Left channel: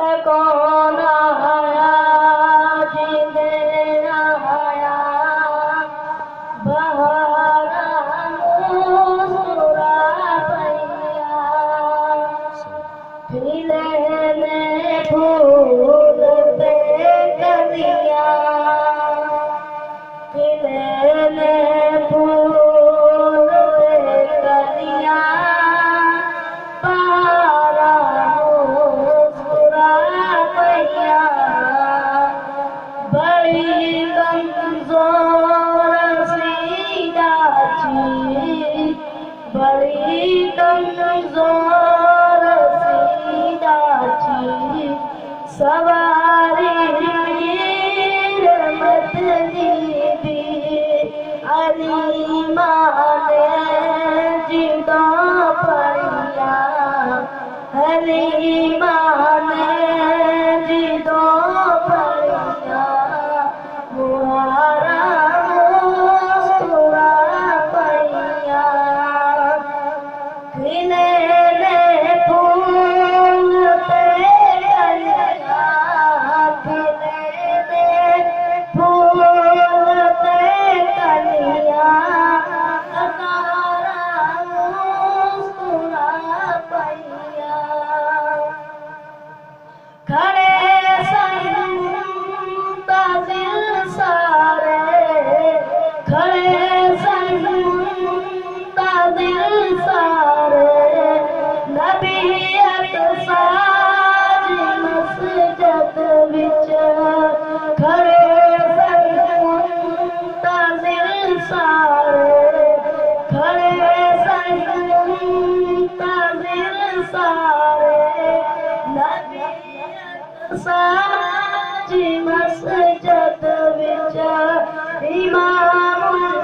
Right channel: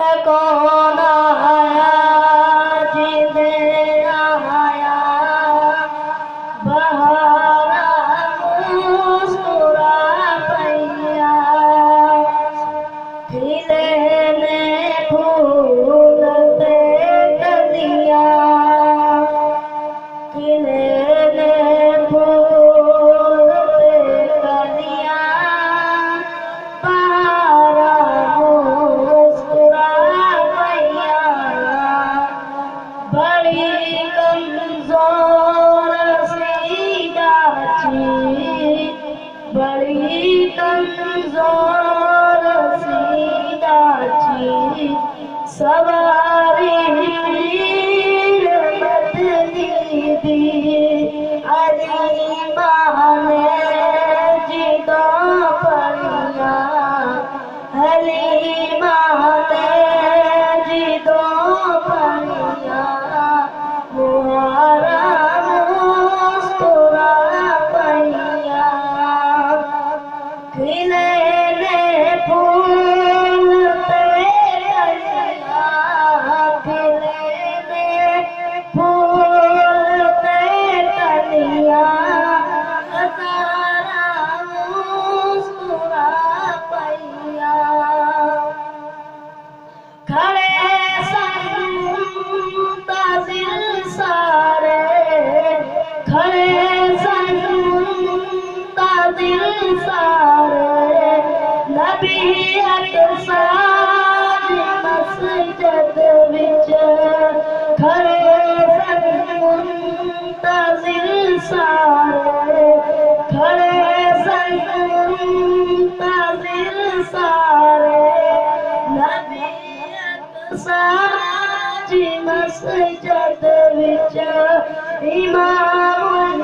कौन आया जिंदे आया बहारा मुस्कुरा पैया खिले ने फूल पे कलिया खिले ने फूल पे कलिया बहारा मुस्कुरा पैया बड़ी कमजोर सी डाची बड़ी कमजोर सी डाची सवारी मत दी अली माने जिदो पैया अली माने जिदो पैया मुहारा मुस्कुरा पैया खिले ने फूल पे कलिया खिले ने फूल पे कलिया हजारा मुस्कुरा पैया खड़े मुंतज़िर सारे खड़े मुंतज़िर सारे नबी सारी मस्जिद विच खड़े मुंतज़िर सारे खड़े मुंतज़िर सारे नबी सारी मस्जिद विच इमाम